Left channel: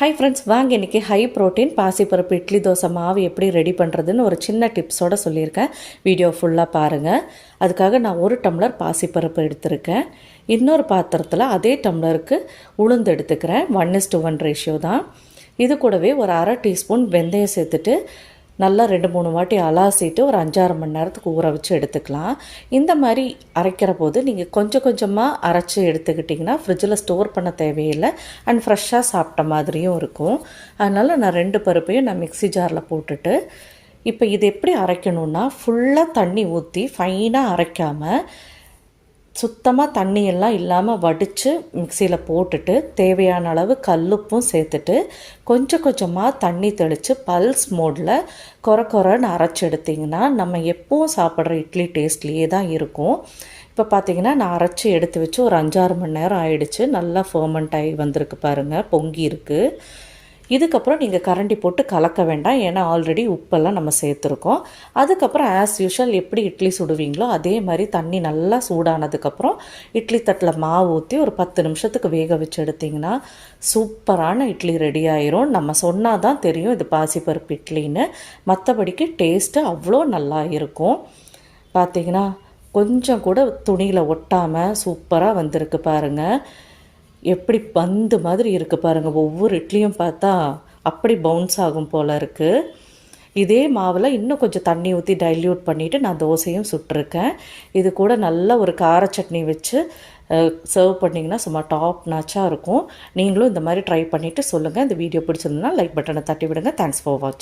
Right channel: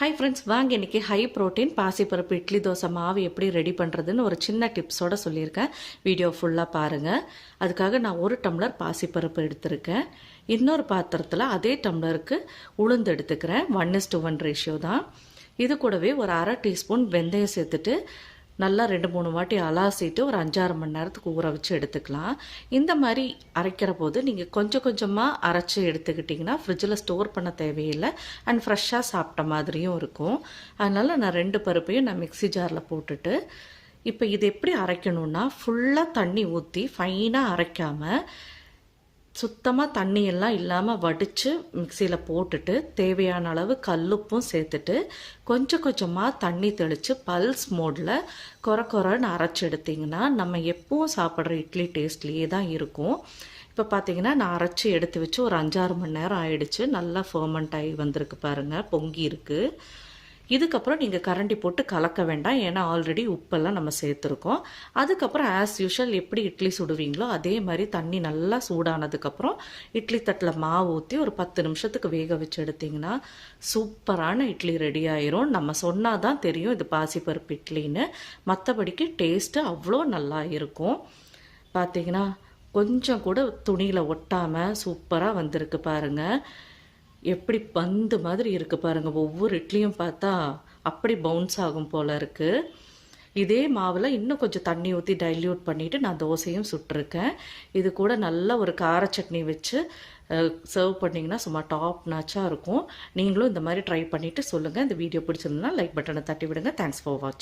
Hi friends, வாங்க இன்றைக்கி high protein பாசிப்பருப்பு இட்லி தோசை மாவு எப்படி ரெடி பண்ணுறதுன்னு ஒரு சின்ன டிப்ஸோடு சொல்லியிருக்கேன். வீடியோ ஃபுல்லாக பாருங்கள். அதுக்காக நான் 1 டம்ளர் பாசிப்பருப்பு எடுத்திருக்கேன். இன்னொரு பாத்திரத்தில் அதே டம்ளருக்கு உளுந்து எடுத்துக்கிறேன். 1:1 ரேஷியோ தான். இது கூடவே ஒரு அரை டீஸ்பூன் வெந்தயம் சேர்த்துட்டு நல்லா 2-3 வாட்டி அலாசிட்டு ஒரு 5-6 மணி நேரத்துக்கு ஊற வச்சு எடுத்துக்கலாம். இந்த மாதிரி அரைக்கிற போது நீங்கள் கொஞ்சம் கொஞ்சமாக அரைச்சி எடுத்துக்கிட்டிங்கன்னா ஃப்ரிட்ஜில் ஸ்டோர் பண்ண தேவையில்லை அண்ட் ஃப்ரெஷ்ஷாக சாப்பிட்ட மாதிரியும் இருக்கும். அதனால் நான் 2 பருப்பையும் நான் மிக்ஸி ஜாரில் போட்டுட்டு இப்போ இது எப்படி அரைக்கணுன்னா, ஃபுல்லாக தண்ணி ஊற்றி ஃபைனாக அரைக்காமல் சுத்தமாக தண்ணியெல்லாம் இல்லாமல் வடித்து மிக்சியில் போட்டுட்டு தேவையான அளவு கல்லுப்பும் சேர்த்துட்டு கொஞ்சம் கொஞ்சமாக தண்ணி தெளித்து பல்ஸ் மோடில் கொரன்னு அரைச்சி எடுத்திங்கன்னா நம்ம எப்பவும் சாப்பிட்ற இட்லி டேஸ்ட்லேயே தான் இருக்கும். இப்போ பார்த்திங்கன்னா நான் அரைச்சி எடுத்து வச்சு ஒரு 5-6 மணி நேரம் ஆயிடுச்சு. நல்லா ஃபர்மெண்ட் ஆகி வந்திருக்கு பாருங்கள், பொங்கி இருக்குது. இதுக்கப்புறம் நீங்கள் கரண்டி போட்டு கலக்க வேண்டாம், ஏன்னா ஆல்ரெடி உப்பெல்லாம் நம்ம சேர்த்துருக்கோம். அதுக்கப்புறம் ஆஸ் யூஷுவல் எப்படி இட்லி சுடுவீங்களோ அதே மாதிரி தண்ணி நல்லா சூடானதுக்கப்புறம் இட்லி தட்டில் மாவு ஊற்றி ஒரு 10 நிமிஷத்துக்கு வேக வச்சு எடுத்திங்கன்னா சூப்பரான இட்லி ரெடி ஆயிரும். நம்ம சொன்னால் தான் தெரியும் இது பாசிப்பருப்பு இட்லின்னு, மற்றபடிக்கு டேஸ்ட்டு அவ்வளோ நல்லா இருக்கும். பார்த்திங்கன்னா கொஞ்சம் கூட துணியில் ஒட்டாமல் சூப்பராக வந்திருக்கு பாருங்கள். எப்படி பந்து மாதிரி இருக்குது பாருங்கள். ஒவ்வொரு இட்லியும் பார்த்தா அப்படி பவுன்ஸ் ஆகும் போல் இருக்குது. இதே மாவில் இன்னும் கொஞ்சம் தண்ணி ஊற்றி டைல்யூட் பண்ணிவிட்டு நான் தோசையும் சுட்டிருக்கேன். இது கூட நல்ல ஒரு கார சட்னி வச்சு சர்வ் பண்ணிங்கன்னா சும்மா டாப் நாச்சாக இருக்கும். நீங்களும் இந்த மாதிரி ட்ரை பண்ணிவிட்டு சொல்லுங்கள். இந்த வீடியோ பிடிச்சிருந்தா லைக் பட்டனை தட்டி விடுங்க. தேங்க்ஸ் ஃபார் வாட்சிங்.